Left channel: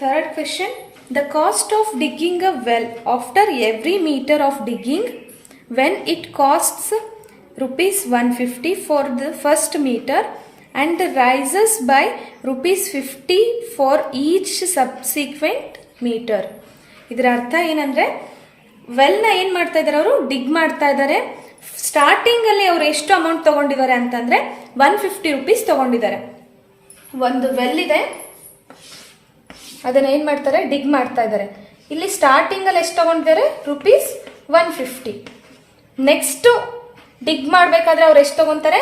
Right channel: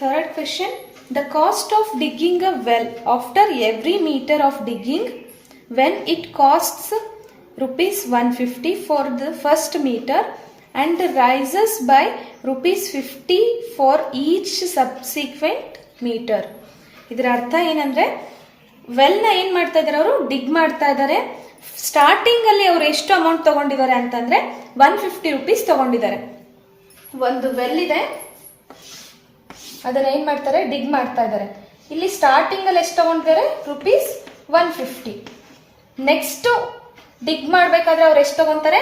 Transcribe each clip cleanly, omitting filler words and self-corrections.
Third question. The cost of digging a well after every meter of digging, when it costs rupees 150 for the first meter and rises by rupees 50 for each subsequent meter. ಇದರ ಅರ್ಥ ಏನಂದ್ರೆ ವೆಲ್ನ ಏನು ಮಾಡ್ತಾ ಇದ್ದಾರೆ, ಅವರು ಡಿಗ್ ಮಾಡ್ತಾ ಇದ್ದಾರೆ. Starting ಅಲ್ಲಿ ಅವರು ಎಷ್ಟು ಅಮೌಂಟ್ ತಗೊಂಡಿದ್ದಾರೆ ಅಂತಂದ್ರೆ 150 ರೂಪೀಸ್ ತಗೊಂಡಿದ್ದಾರೆ. ಒಂದು ವೆಲ್ ಇದೆ, ಅದನ್ನ ಏನ್ ಮಾಡ್ತಾರೆ, ಡಿಗ್ ಮಾಡ್ತಾ ಇದ್ದಾರೆ. ಇಲ್ಲಿ ಸ್ಟಾರ್ಟಿಂಗ್ ಅಲ್ಲಿ ಎಷ್ಟು ತಗೊಂಡಿದ್ದಾರೆ, rupees 150. ನೆಕ್ಸ್ಟ್ ಡಿಗ್ ಮಾಡ್ಬೇಕಾದ್ರೆ ಅವ್ರು ಎಷ್ಟು ತಗೊಂತಾರೆ,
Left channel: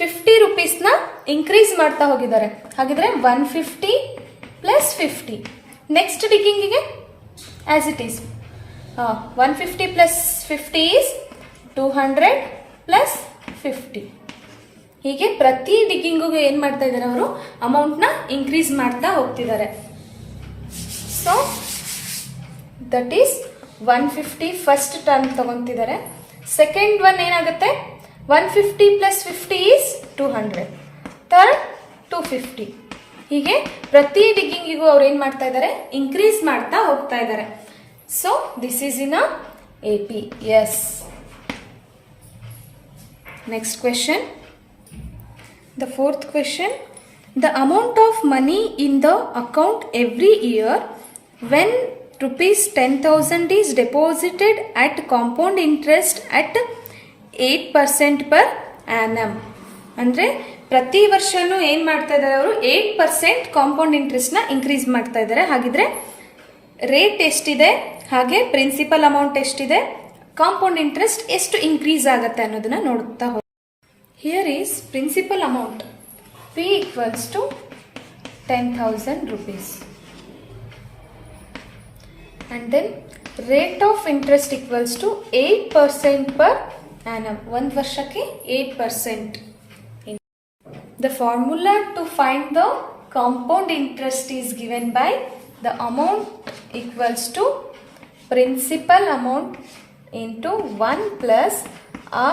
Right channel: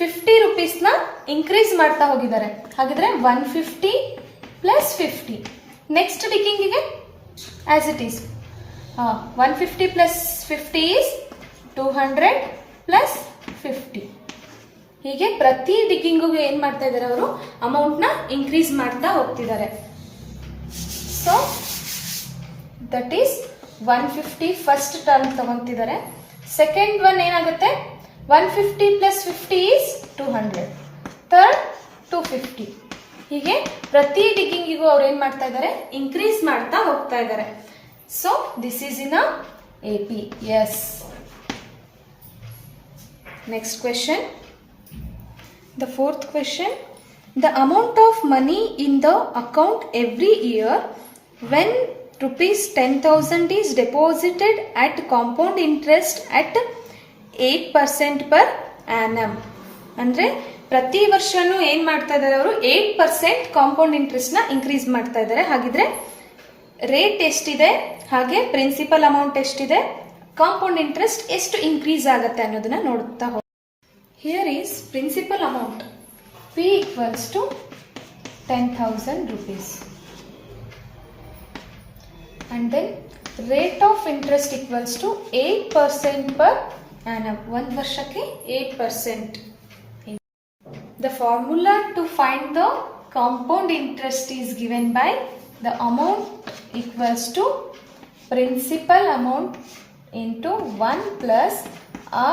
50 ರೂಪೀಸ್ನ ಇನ್ಕ್ರೀಸ್ ಮಾಡ್ತಾ ಹೋಗಿದ್ದಾರೆ. ಹಾಗಿದ್ರೆ 150 ಪ್ಲಸ್ 50. ನೆಕ್ಸ್ಟ್ ಡಿಗ್ಗಿಂಗಿಗೆ as it is 150 plus 50 is 200 plus 50. ಹೀಗೆ ಪ್ರತಿ ಡಿಗ್ಗಿಂಗಿಗೂ ಏನ್ ಮಾಡ್ತಾ ಇದ್ದಾರೆ, ಅವರು ಅಮೌಂಟ್ ನ ಇನ್ಕ್ರೀಸ್ ಮಾಡ್ತಾ ಹೋಗ್ತಿದ್ದಾರೆ. So that is 150 first term ತಗೊಂತಿದ್ದಾರೆ. ಸೆಕೆಂಡ್ ಒನ್ ಏನಾಗುತ್ತೆ, 150 ಪ್ಲಸ್ 50 ಈಸ್ 200. ಥರ್ಡ್ 250. ಹೀಗೆ ಪ್ರತಿ ಡಿಗ್ಗಿಂಗಿಗೂ ಅವ್ರು ಏನ್ ಮಾಡ್ತಾ ಇದ್ದಾರೆ, ಇನ್ಕ್ರೀಸ್ ಮಾಡ್ತಾ ಹೋಗ್ತಾ ಇದ್ದಾರೆ. So this is in AP. Yes. Next question. The fourth question. The amount of money in the account every year when rupees 10,000 is deposited at compound interest at 8% per annum. ಅಂದ್ರೆ ಪ್ರತಿ ವರ್ಷನೂ ಏನ್ ಮಾಡ್ತಾ ಇದ್ದಾರೆ, ಅವರು 8% ಕಾಂಪೌಂಡ್ ಇಂಟ್ರೆಸ್ಟ್ ನ increase ಮಾಡ್ತಾ ಇದ್ದಾರೆ. ಹಾಗಿದ್ರೆ ರೇಟ್ ಎಷ್ಟಿದೆ, ಹಾಗೆ ಪ್ರಿನ್ಸಿಪಲ್ ಅಮೌಂಟ್ ಎಷ್ಟಿದೆ, ಕಾಂಪೌಂಡ್ ಇಂಟ್ರೆಸ್ಟ್ ಎಷ್ಟು ಇನ್ಕ್ರೀಸ್ ಆಗುತ್ತೆ ಅನ್ನೋದನ್ನ ನೋಡ್ತಾ ಹೋಗಿ. Here is principal amount. P equals to 10,000 rupees. And then rate of interest equals to 8% per annum. One varshake 8%. The formula to find the compound interest is given by the amount equals to principal amount into 1 plus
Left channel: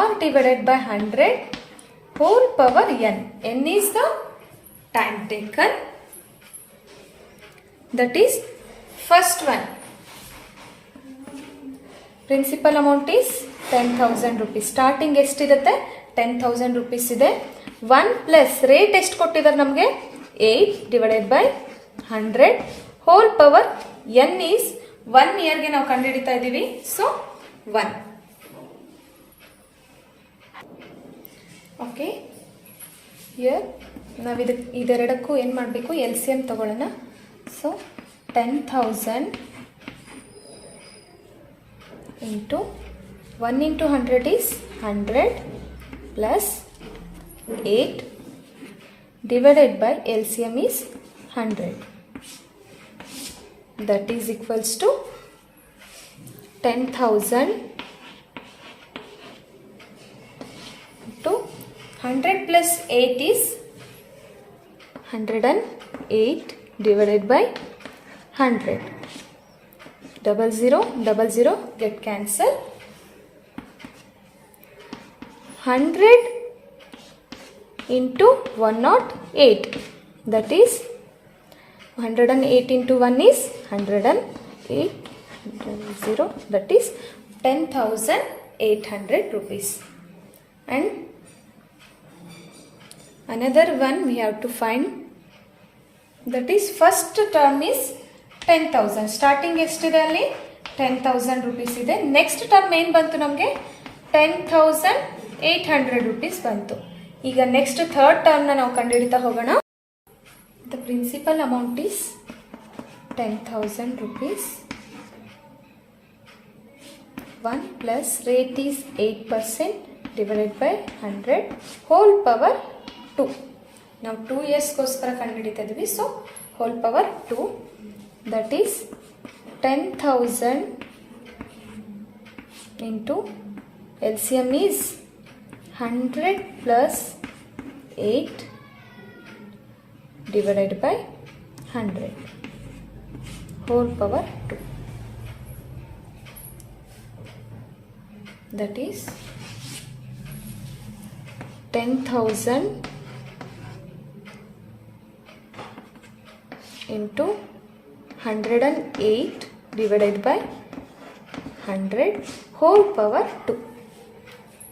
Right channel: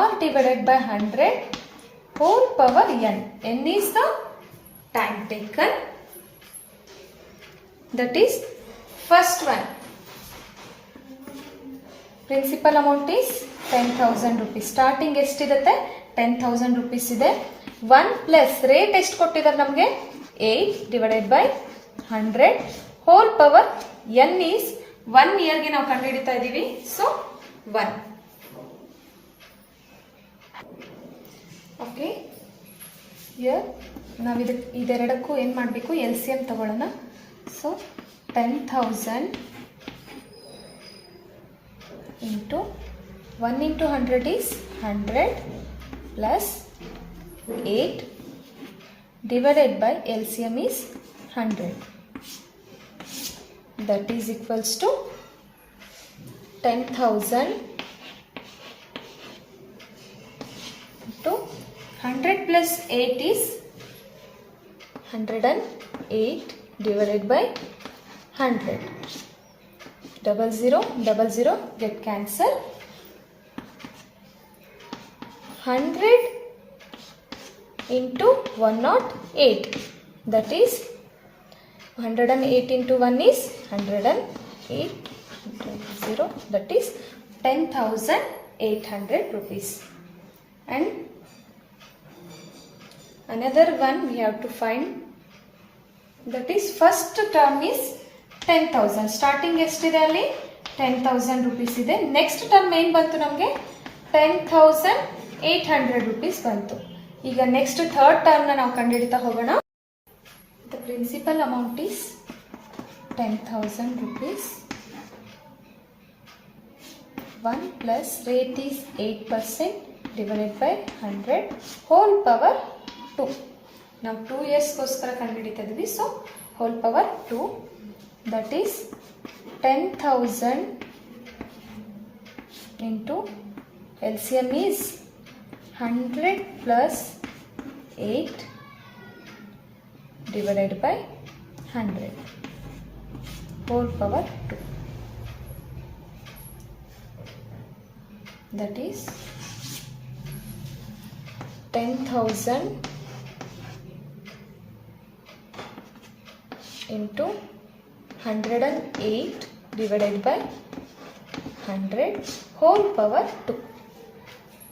R divided by 100 whole power n. N is the time taken. That is first one. Principal amount is 10,000 rupees. Starting ಎಷ್ಟಿರುತ್ತೆ, 10,000 rupees ಇದೆ. 1 plus rate ಎಷ್ಟು ಕೊಟ್ಟಿದ್ದಾರೆ ನಮಗೆ, 8 divided by 100 whole power n is 1 ಇಯರ್ಗೆ ನಾವು ಕಂಡುಹಿಡಿತಾ ಇದ್ದೀವಿ. So 1. Okay, year ನಾವು ಇದೆರಡಕ್ಕೂ ಏನು ಮಾಡಬೇಕು, LCM ತಗೊಳ್ಳೋಣ. So 10,000 into 1 into 100 is 100 plus 8 divided by LCM is 100. That is equals to 10,000 to 100 plus 8 is 108 divided by 100. 00 get cancel. 100 into 108. That is 108 into 1 is 108. 0. That is 10,800 rupees. And another one we have to find, that is first term is 10,000. starting ಎಷ್ಟಿದೆ ಅಲ್ಲಿ 10,000 rupees ಇದೆ. Next term ಏನು ಬಂತು ನಮಗೆ, 10,800 rupees ಬಂತು. ಈಗ next third ಟರ್ಮ್ನ ನಾವು ಕಂಡುಹಿಡಿತಾ ಹೋಗೋಣ. The principal amount is 10,000 rupees. 1 plus rate is 8% divided by 100 whole power 2. ನಾವು 2 yearsಗೋಸ್ಕರ ಕಂಡುಹಿಡಿತಾ ಇದ್ವಿ. So whole power 2. That is 10,000 into LCM is 100 plus 8 divided by 100 whole power 2. That is 10,000 into 108 divided by 100 whole power 2.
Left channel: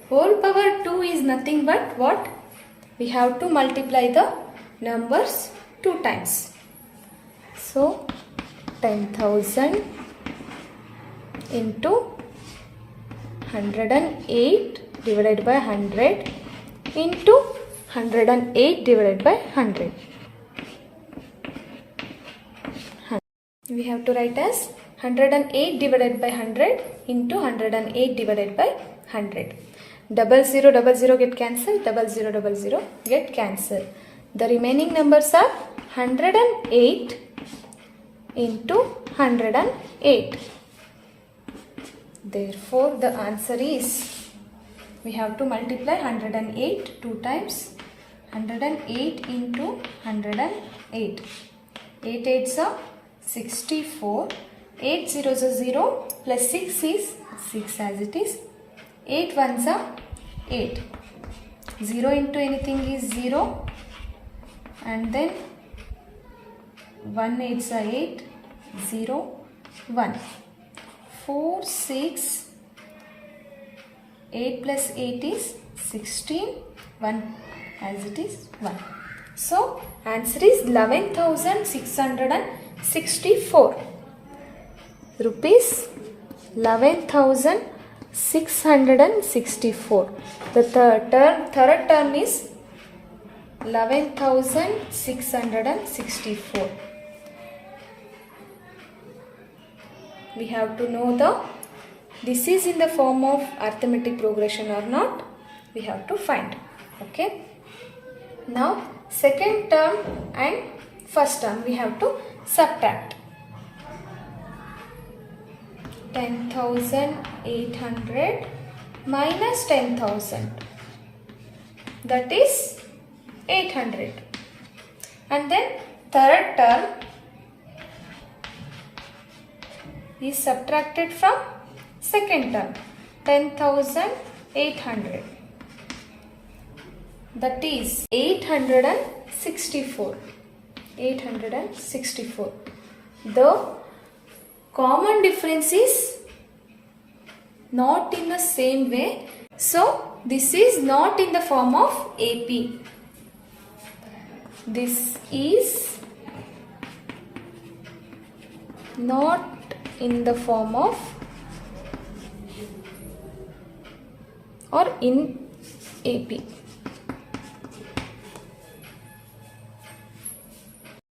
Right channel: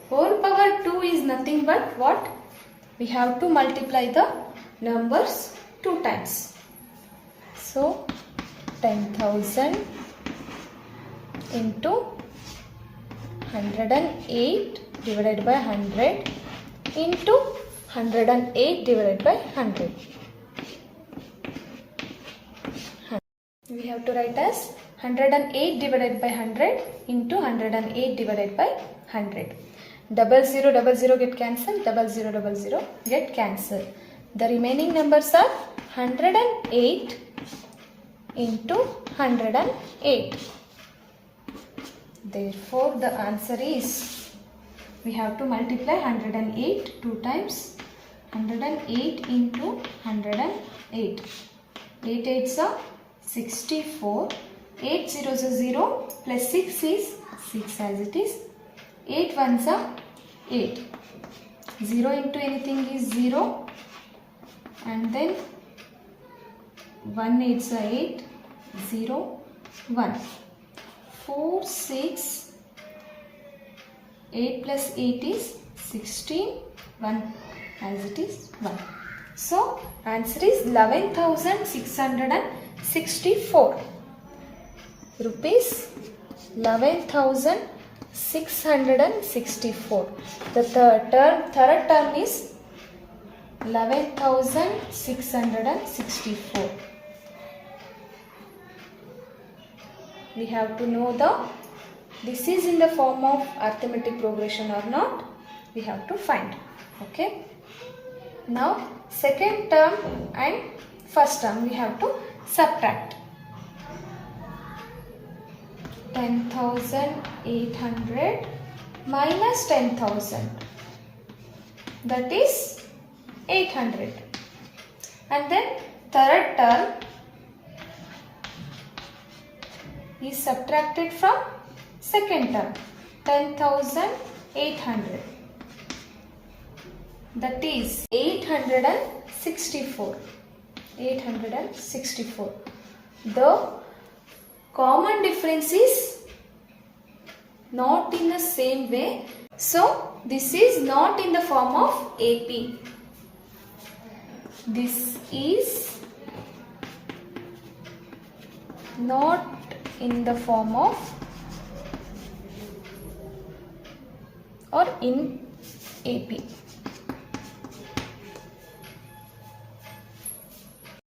Whole power 2 is nothing but what? We have to multiply the numbers 2 times. So 10,000 into 108 divided by 100 into 108 divided by 100. We have to write as 108 divided by 100 into 108 divided by 100. 0000 get cancelled, 0000 get cancelled. The remaining numbers are 108 into 108. Therefore, the answer is, we have to multiply 108 2 times. 108 into 108. 8 8s are 64. 8 zeros are 0 plus 6 is 6 as it is. 8 ones are 8. 0 into anything is 0. And then 1 8s are 8. 0 1. 4 6. 8 plus 8 is 16. 1 as it is 1. So answer is 11,664 rupees. 11,664. The third term is 11,664. We have to know this is in the form of arithmetic progression or not. We have to find. Okay. Now second term and first term we have to subtract. 10,800 minus 10,000, that is 800. And then third term is subtracted from second term, 10,800, that is 864. 864. The common difference is not in the same way. So this is not in the form of AP. This is not in the form of or in AP.